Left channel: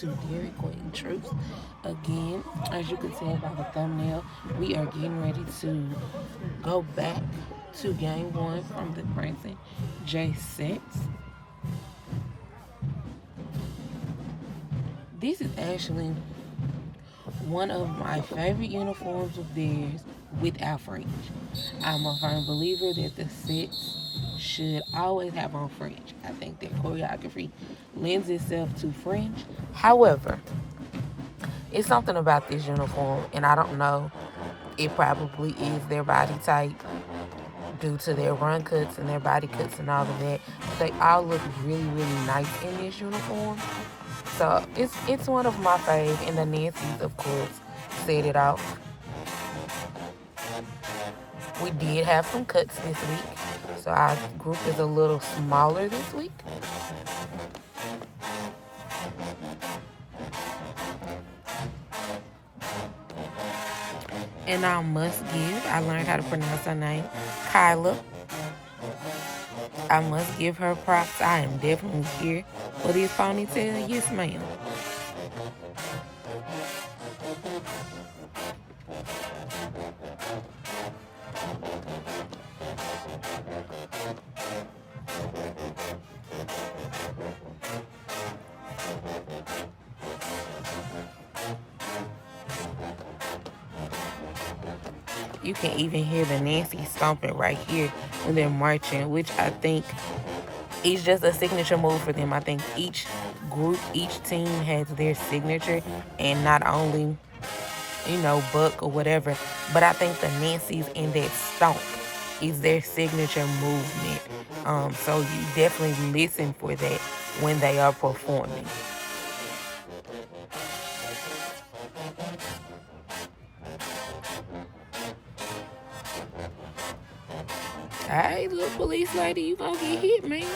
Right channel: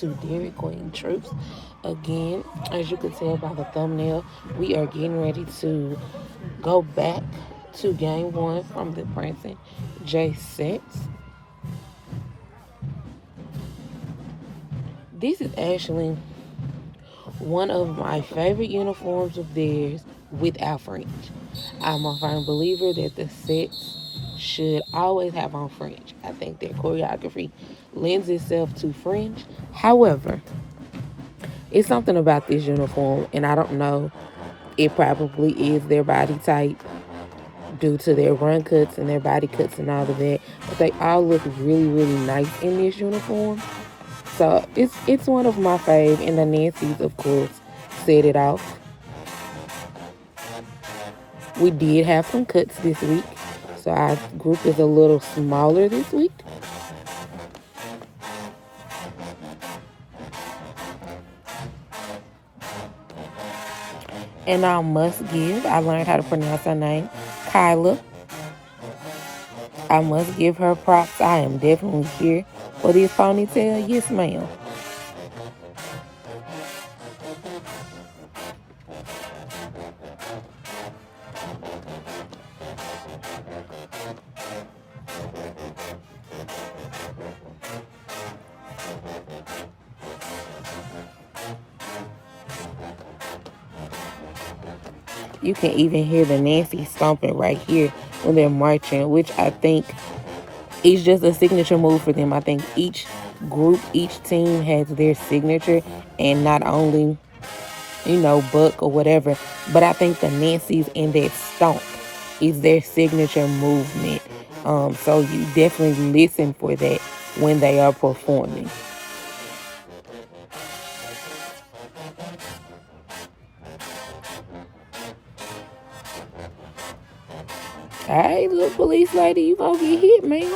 to Dairy Queen Troops. Again, as you can tell by the thumbnail, we are getting ready to go back to game one from the Prancing JSettes. This is actually one of my favorite uniforms of theirs without fringe. I'm a firm believer that the sets should always have on fringe. I think their choreography lends itself to fringe. However, it's something about this uniform, and I don't know, it probably is their body type due to their run cuts and their body cuts and all of that. But they all look really, really nice in this uniform. So it's one of my faves, and the Nancy's, of course, set it off. We did have some cuts this week, so our group is a little smaller this week. And I must give, I learned how to pronounce her name, Kyla. I must give her props. I am definitely here for this ponytail. Yes, ma'am. You can even hear the Nancy stomping right here when they're marching, which I think is just a signature move for them. I think each group, each team has their signature, and not only, Buck or whatever, but I think the Nancy's in their stomp is their signature movement. So you definitely listen for that when they are performing. Hey, little police lady, you gonna get hit, man.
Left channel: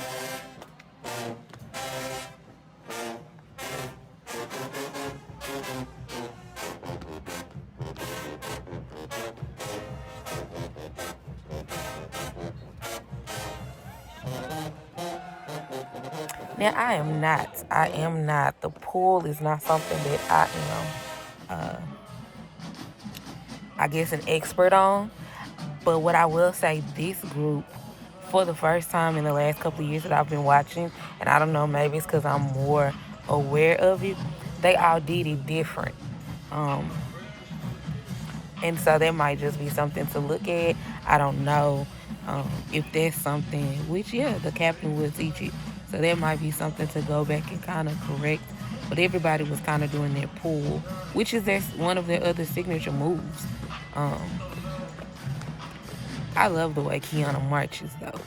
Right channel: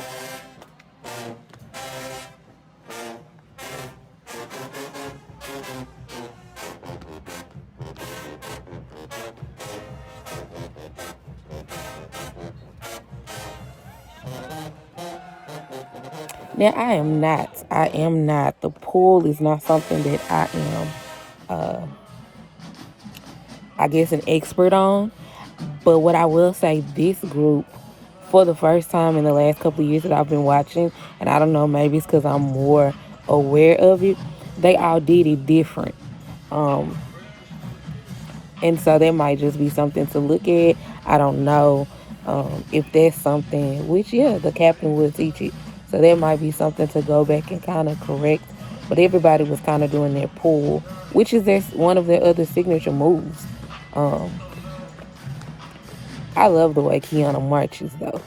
Now, I am not. The pool is not something that I am, I guess, an expert on. But what I will say, this group, for the first time in the last couple of years that I've been watching, and I don't know, maybe it's because I'm more aware of it, they all did it different. And so that might just be something to look at. I don't know if that's something, which, yeah, the captain will teach it. So that might be something to go back and kind of correct. But everybody was kind of doing their pull, which is one of their other signature moves. I love the way Kiana marches, though.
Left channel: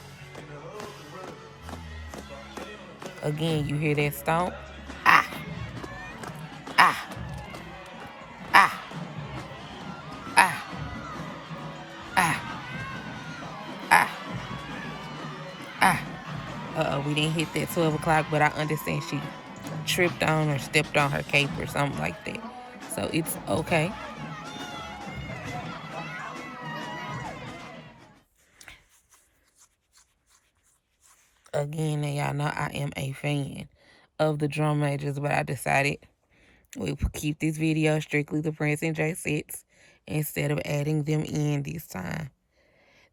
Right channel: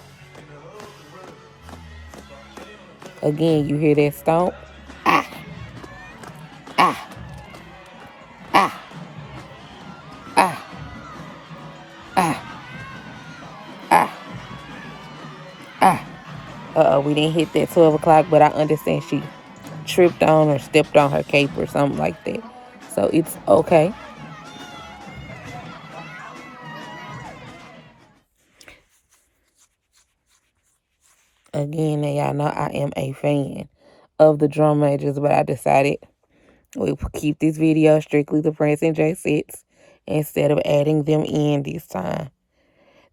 Again, you hear that stomp? Ah, ah, ah, ah, ah, ah, ah. We didn't hit that 12 o'clock, but I understand she tripped on or stepped on her cape or something like that. So it's okay. Again, now y'all know I am a fan of the drum majors, but I decided we'll keep this video strictly the Prancing JSettes instead of adding them in this time.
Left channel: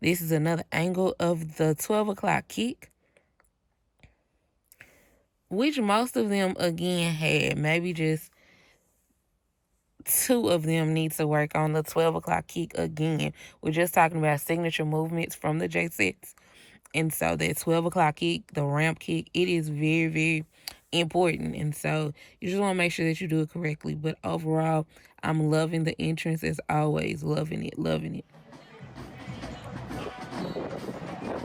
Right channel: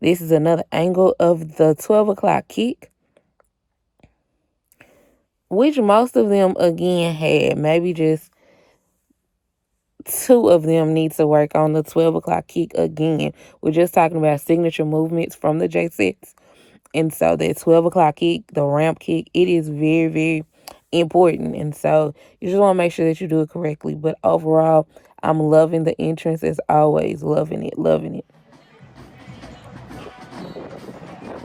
This is another angle of the 12 o'clock kick, which most of them, again, had. Maybe just two of them need to work on the 12 o'clock kick again. We're just talking about signature movements from the JSettes. And so that 12 o'clock kick, the ramp kick, it is very, very important. And so you just want to make sure that you do it correctly. But overall, I'm loving the entrance as always. Loving it, loving it.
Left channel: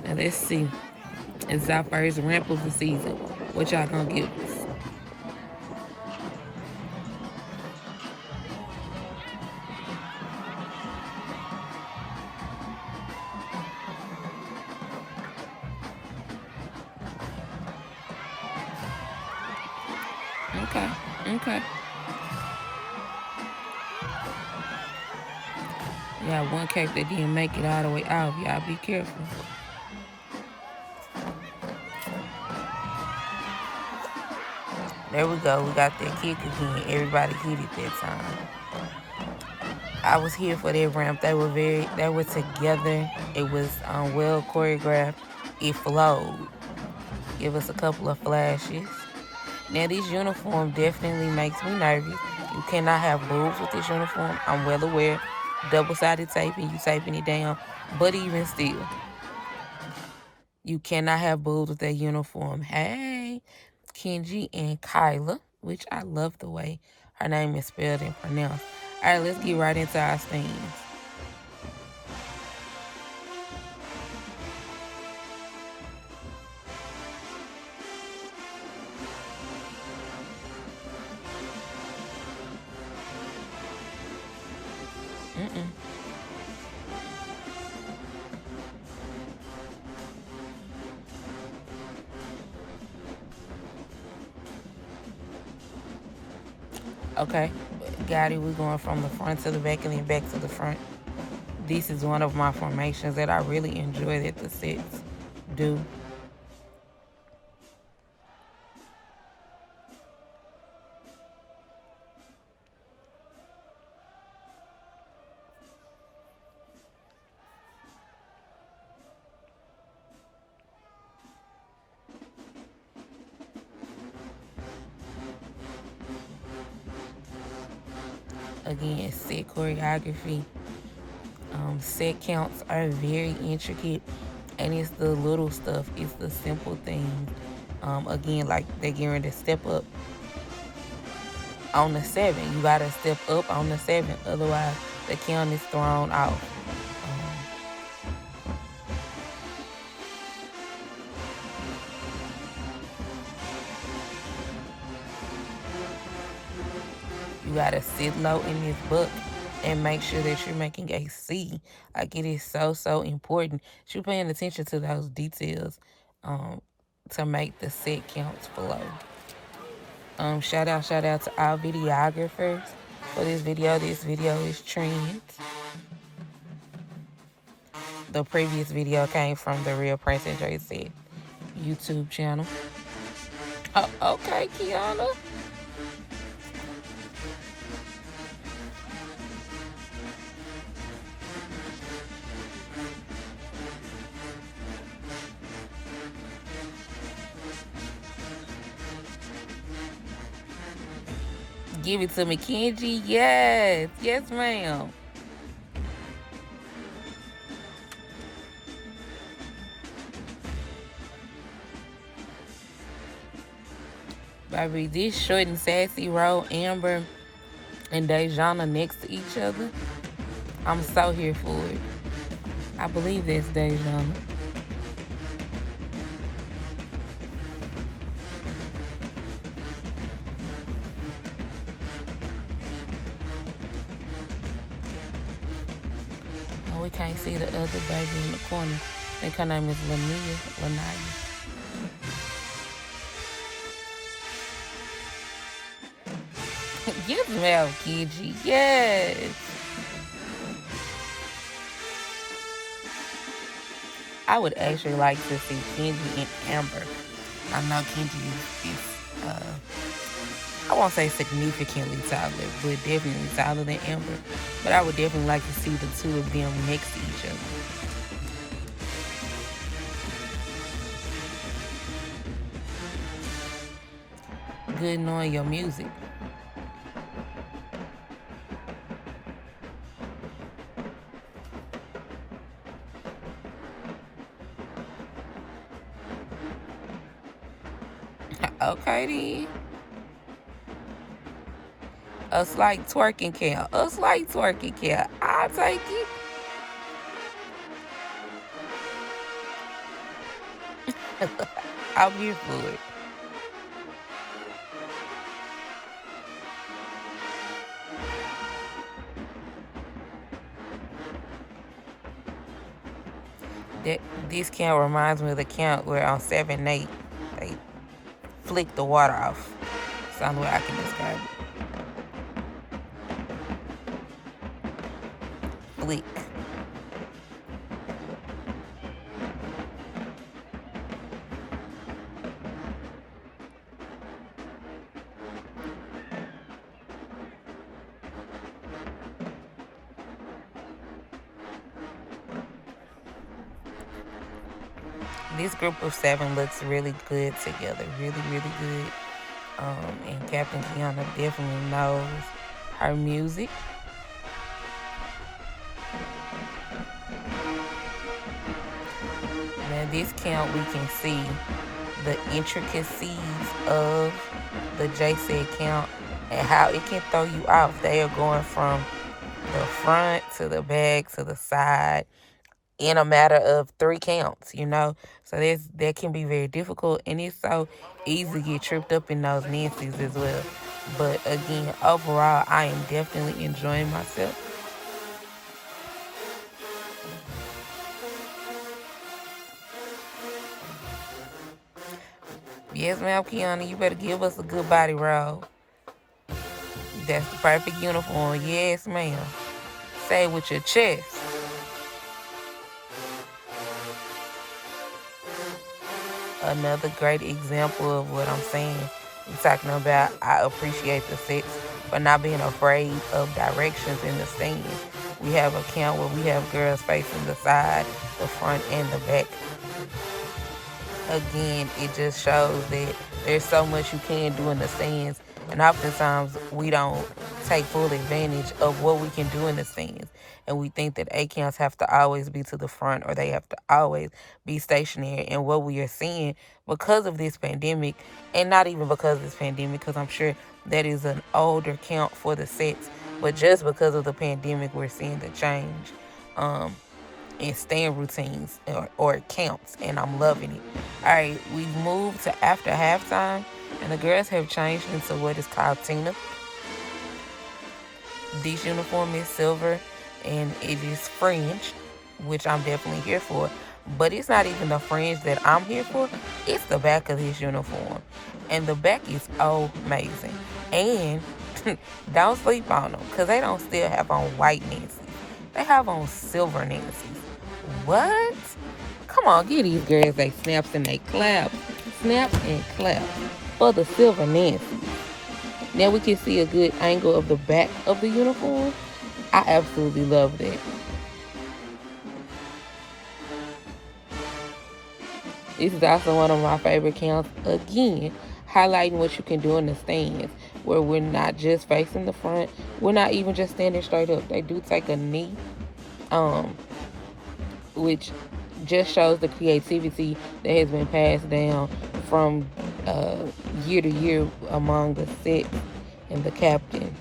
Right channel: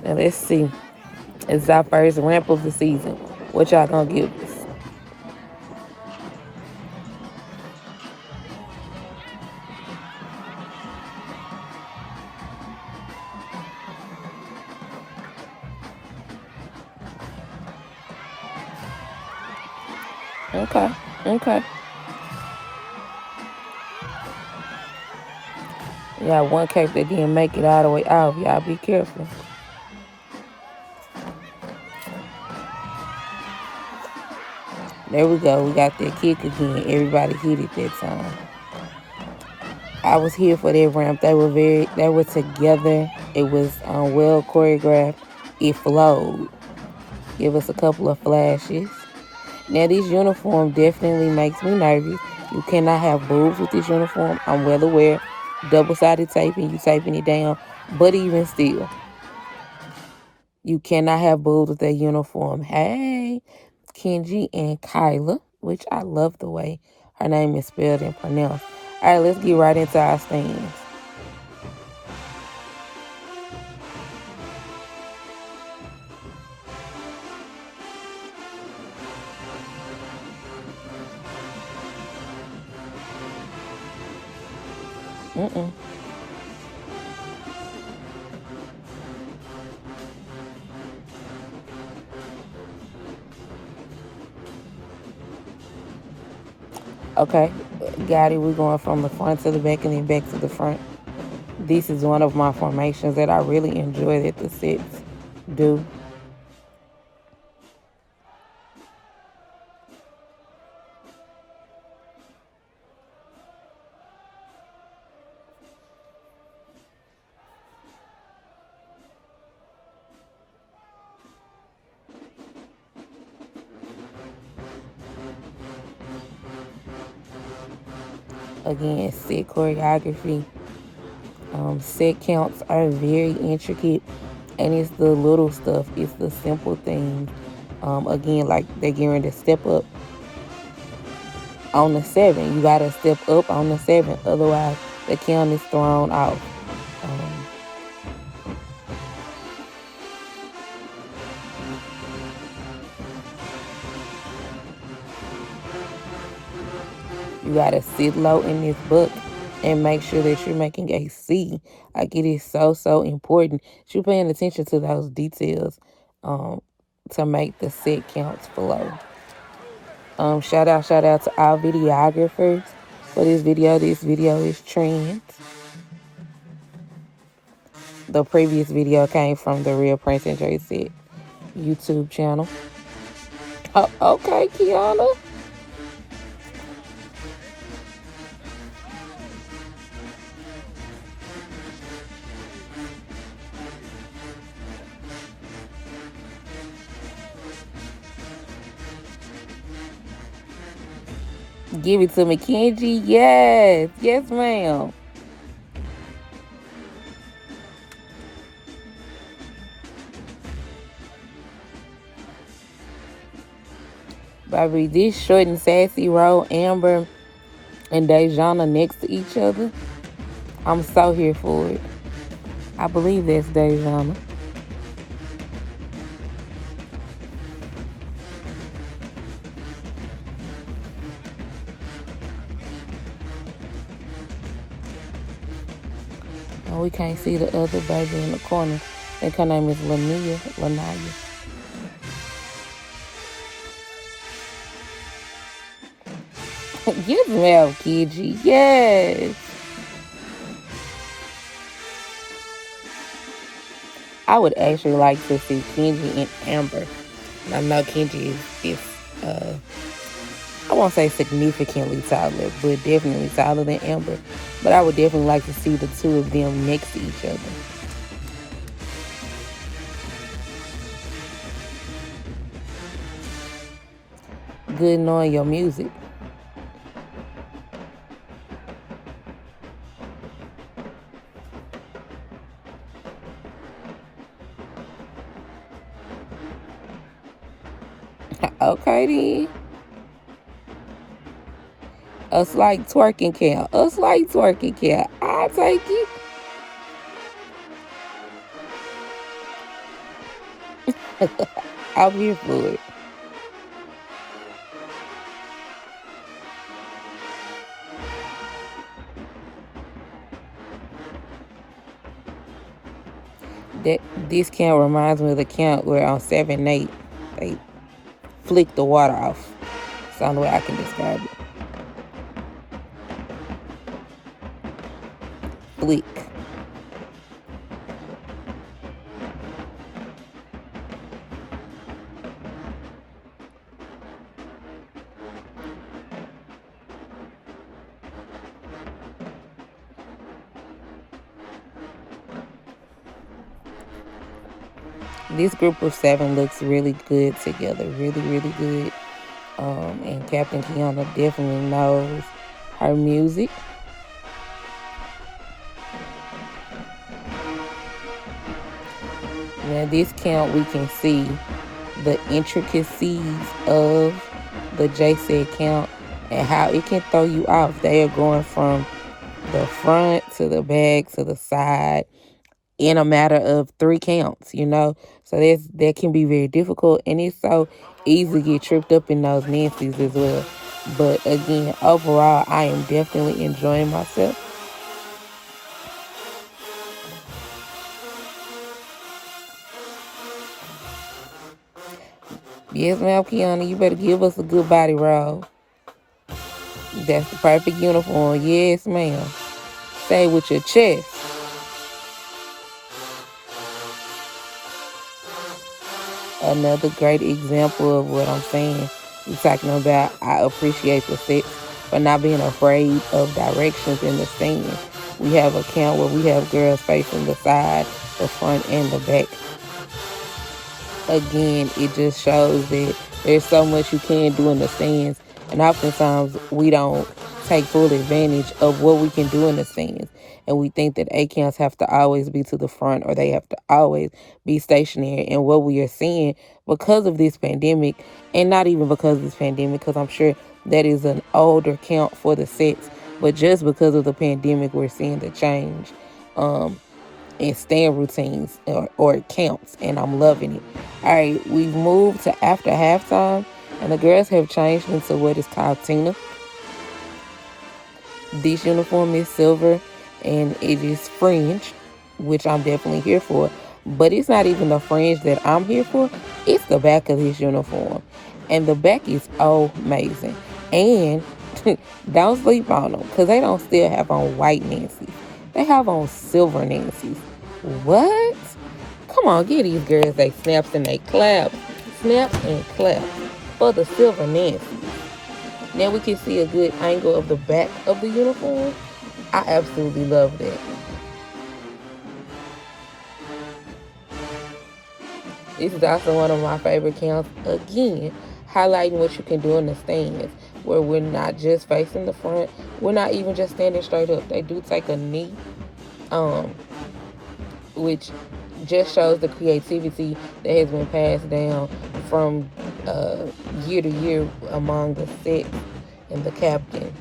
Now let's see. It's our first ramp of the season. What y'all gonna give us? Okay. Yeah, one case that didn't make it all the way out. Y'all be careful. There we go. We got that kick again. Everybody hit it that time. I was here for that ramp. They were together. It was well choreographed. It flowed. Give us a couple of flashes. Now this uniform definitely makes me nervous. You cannot have boobs with this uniform. I'm well aware. Double-sided taping, you taping it down. But even still, you cannot have boobs with that uniform. Hey, Kenji and Kyla, which I love the way her name is spelled and pronounced. All right, let's get right into our stands. Okay, got it. We're going from the front to the back and then back to the front. This is one of my formations that I really enjoy that the sets do. Again, set choreography. Set counts are very intricate, and it's the little stuff. It's the simple things. Again, like they're getting to step up on the 7. You gotta step up on the 7, otherwise the count is thrown off. You gotta sit low in this book and make sure that you're making a C. Like it is so important. You're paying attention to those details to make the set counts flow. Shout out to our videographers for this video. This video is trend. The previous video came from the Real Prancing JSettes YouTube channel. Oh, okay, Kiana. Give it to me, Kenji. Yes. Yes, ma'am. Baby, this short and sassy row, Amber and Dejana next to each other. I'm so here for it. I believe that's Dejana. We can't see the other baby in the corner. I think her name is Lanaya. Yes, ma'am, Kenji. Yes. I would actually like to see Kenji and Amber. I know Kenji is I won't say significantly taller, but definitely taller than Amber. But I would definitely like to see the two of them next to each other. Good knowing your music. Okay then. A slight twerking count. A slight twerking count. I'll take it. I'm here for it. This count reminds me of the count where on 7 8 they flick the water off. That's the only way I can describe it. Flick. This group of 7 looks really good together, really, really good. And Captain Kiana definitely knows her music. Now this count, we can see the intricacies of the JSettes count and how it can throw you off. They are going from the front to the back to the side in a matter of 3 counts, So that can be very difficult, and it's so easy to get tripped up in those Nancy's as well. But again, overall, I am definitely enjoying myself. Yes, ma'am, Kiana, you better give us a good body roll. That's the perfect uniform. Yes, ma'am. Say with your chest. Another great example of what I'm saying. You're talking about, I appreciate the sets for not being afraid of directions in the scene. We have a count where we have girls facing the side, the front, and the back. Again, it just shows that there's so much you can do in the scenes, and oftentimes we don't take full advantage of what we can do in the scenes. And we think that A counts have to always be to the front, or they have to always be stationary. And what we are seeing because of this pandemic, and not even because of this pandemic, because I'm sure that is an older count for the sets, but just because of the pandemic, we're seeing the change in stand routines or counts, and I'm loving it. All right, we've moved to after halftime, and the girls have changed into what is called Tina. This uniform is silver, and it is fringe, which I'm definitely here for. But it's not even the fringe that I'm here for. It's the back of this uniform, and the back is amazing. And don't sleep on them, because they don't still have on white Nancy's. They have on silver Nancy's. What? Come on, get these girls they snaps and they clap. Snap and clap for the silver Nancy. Now we can see a good angle of the back of the uniform. I absolutely love that. This is also one of my favorite counts. Again, highlighting what you can do in the stands, where we're not just facing the front. We're not even just standing straight up. They do take a knee, which just shows the creativity that has been passed down from year to year among the sets and the captains.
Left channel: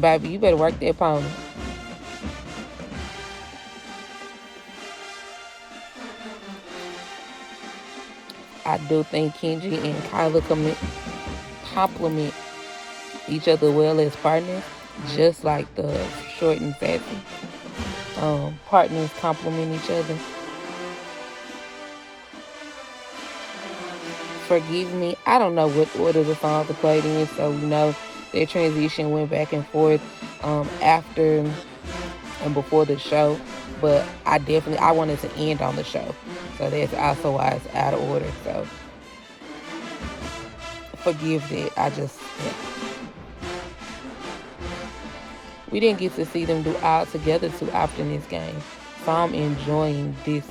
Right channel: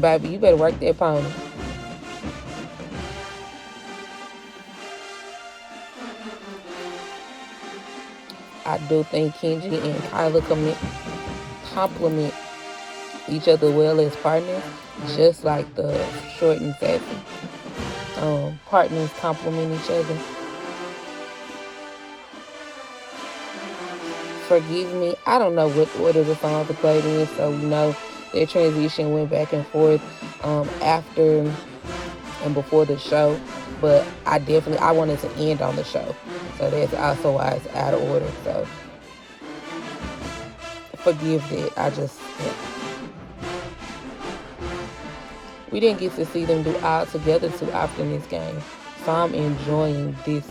Baby, you better work that pony. I do think Kenji and Kyla complement each other well as partners, just like the short and sassy partners complement each other. Forgive me, I don't know what order the songs are played in, so their transition went back and forth after and before the show, but I wanted to end on the show, so that's also why it's out of order. So forgive that. We didn't get to see them do all together too often this game, so I'm enjoying this.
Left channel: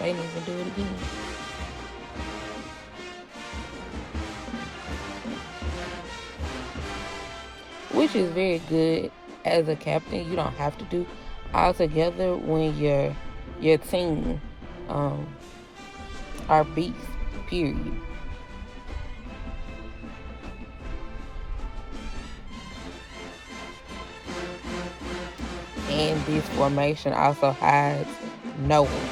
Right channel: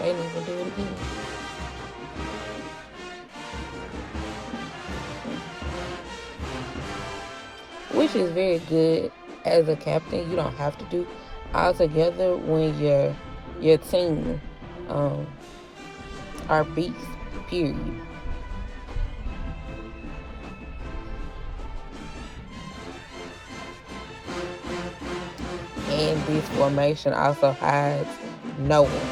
They need to do it again. Which is very good as a captain. You don't have to do all together when your team are beasts, period. And this formation also hides no one.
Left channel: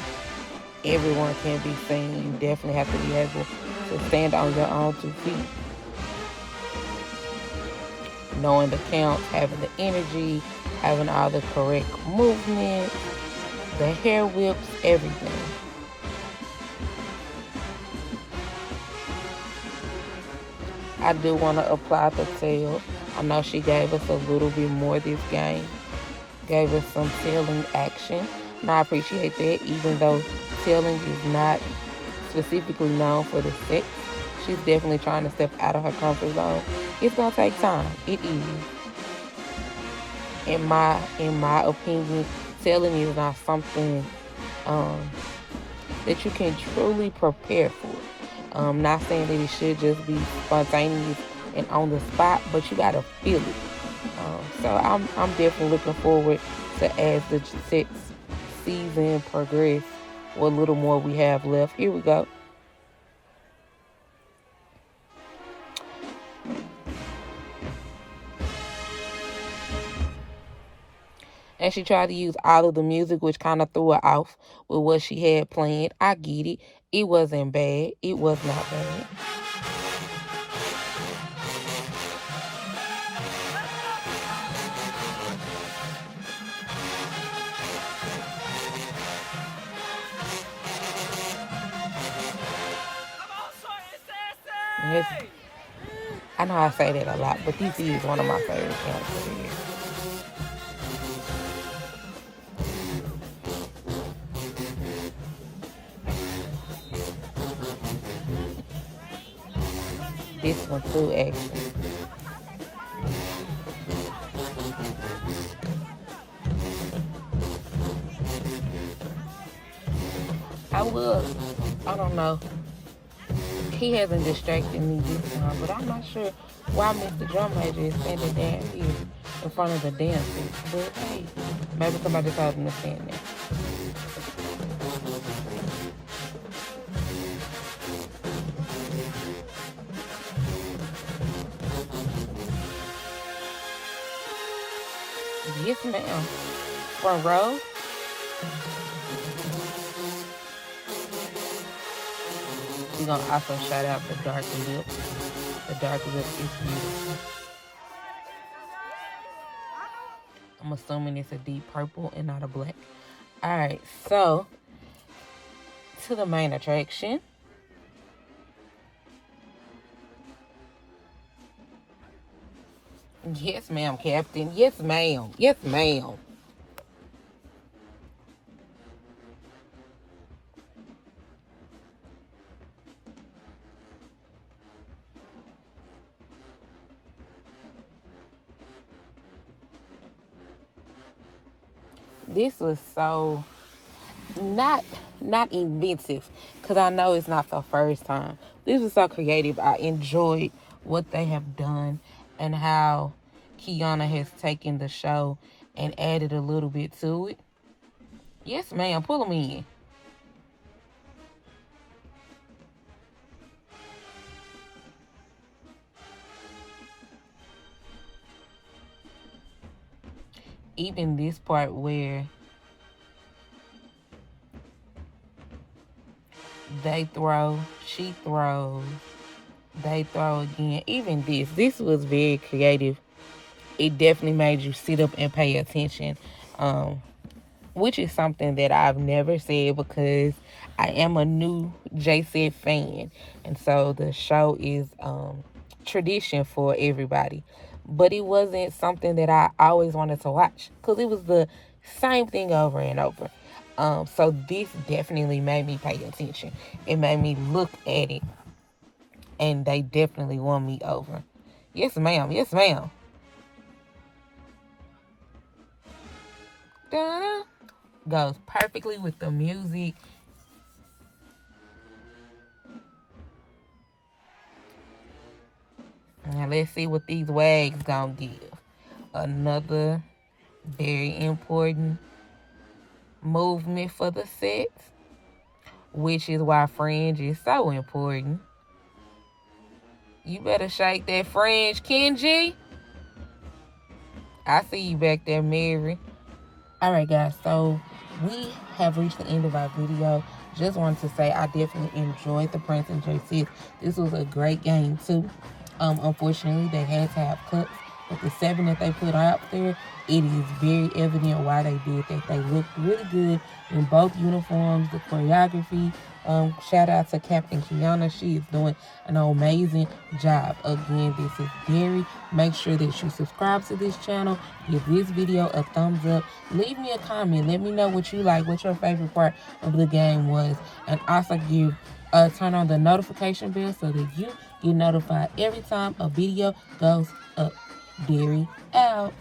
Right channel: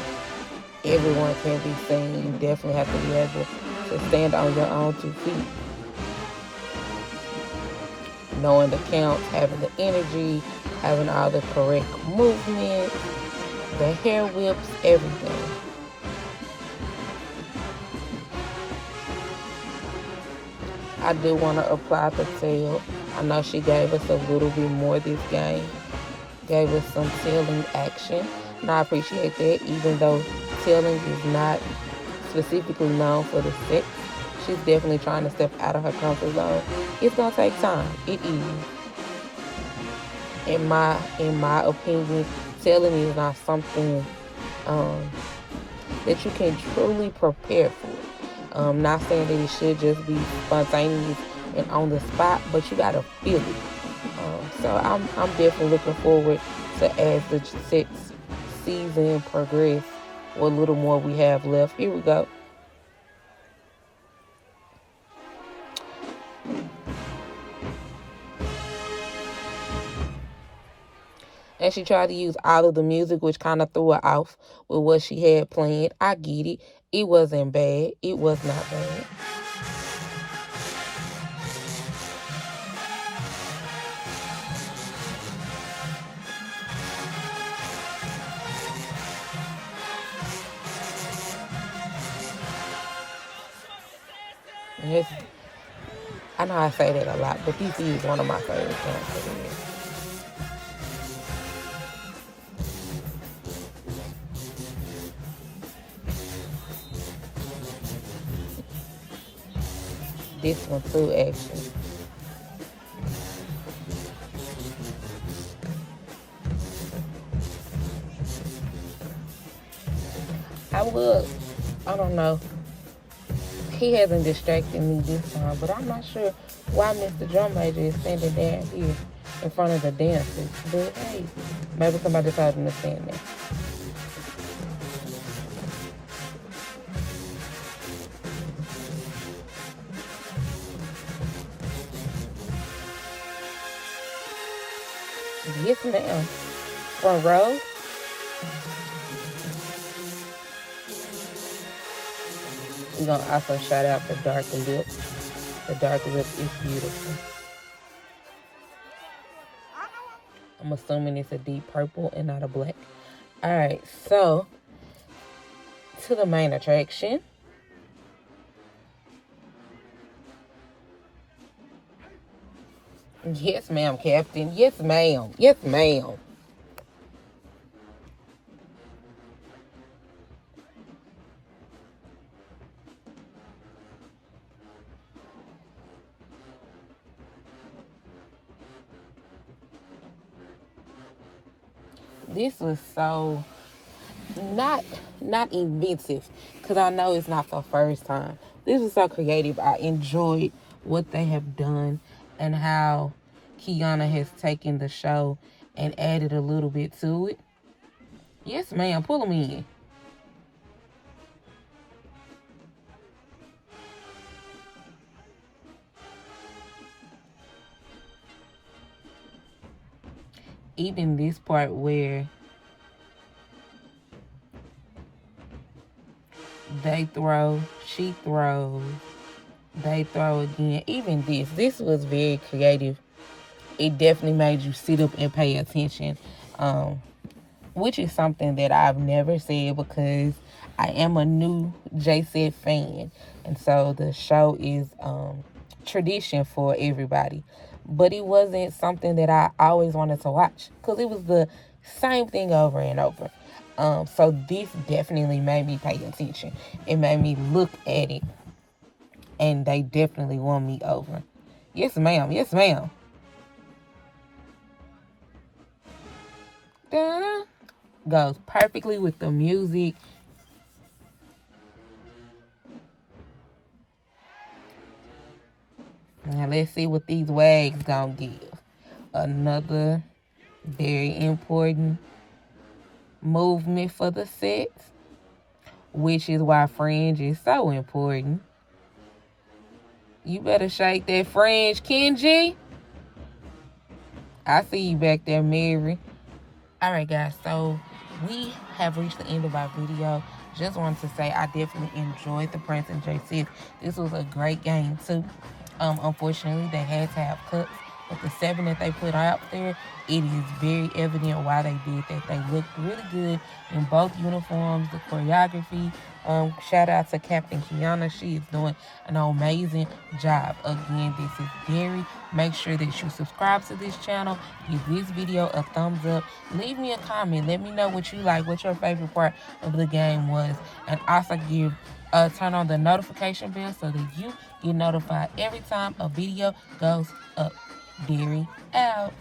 Everyone can be seen. You definitely have to be able to stand on your own 2 feet. Knowing the counts, having the energy, having all the correct movement, the hair whips, everything. I do want to apply Patel. I know she gave us a little bit more this game. Gave us some tailing action. And I appreciate that, even though tailing is not specifically known for the set. she's definitely trying to step out of her comfort zone. It's gonna take time. It is. In my opinion, selling is not something um, that you can truly prepare for. Not saying that it should just be spontaneous and on the spot, but you gotta feel it. So I'm definitely looking forward to, as the sixth season progress, what little more we have left. Here we go. And she tried to use all of the music, which kind of threw her off with what she had planned. I get it. It wasn't bad. It was not bad. I know I say that a lot, but this is one of my favorite songs of the year. This one too, actually. I don't know. He hasn't distracted me this time, but I'm not sure why Mr. Drum Major is standing down here in front of the dancers. But hey, maybe somebody told him to stand there. Yes, ma'am. Front row. We're going to also shout out the dark lip. The dark lip is beautiful. I'm assuming it's a deep purple and not a black. Alright, so to the main attraction. Yes, ma'am, Captain. Yes, ma'am. Yes, ma'am. This was so not inventive, because I know it's not the first time. This was so creative. I enjoyed what they have done and how Kiana has taken the show and added a little bit to it. Yes, ma'am. Pull them in. Even this part where they throw, she throws, they throw again. Even this was very creative. It definitely made you sit up and pay attention, which is something that I've never said because I am a new JSettes fan, and so the show is tradition for everybody. But it wasn't something that I always wanted to watch because it was the same thing over and over. So this definitely made me pay attention. It made me look at it, and they definitely won me over. Yes, ma'am. Yes, ma'am. Da-da. Goes perfectly with the music. Now let's see what these wags gonna give. Another very important movement for the sets, which is why fringe is so important. You better shake that fringe, Kenji. I see you back there, Mary. Alright, guys, so we have reached the end of our video. Just wanted to say I definitely enjoyed the Prancing JSettes. This was a great game, too. Unfortunately, they had to have cuts, but the 7 that they put out there, it is very evident why they did that. They looked really good in both uniforms. The choreography Shout out to Captain Kiana. She is doing an amazing job. Again, this is Derry. Make sure that you subscribe to this channel. Give this video a thumbs up. Leave me a comment. Let me know what you like, what your favorite part of the game was. And also turn on the notification bell so that you get notified every time a video goes up. Derry out.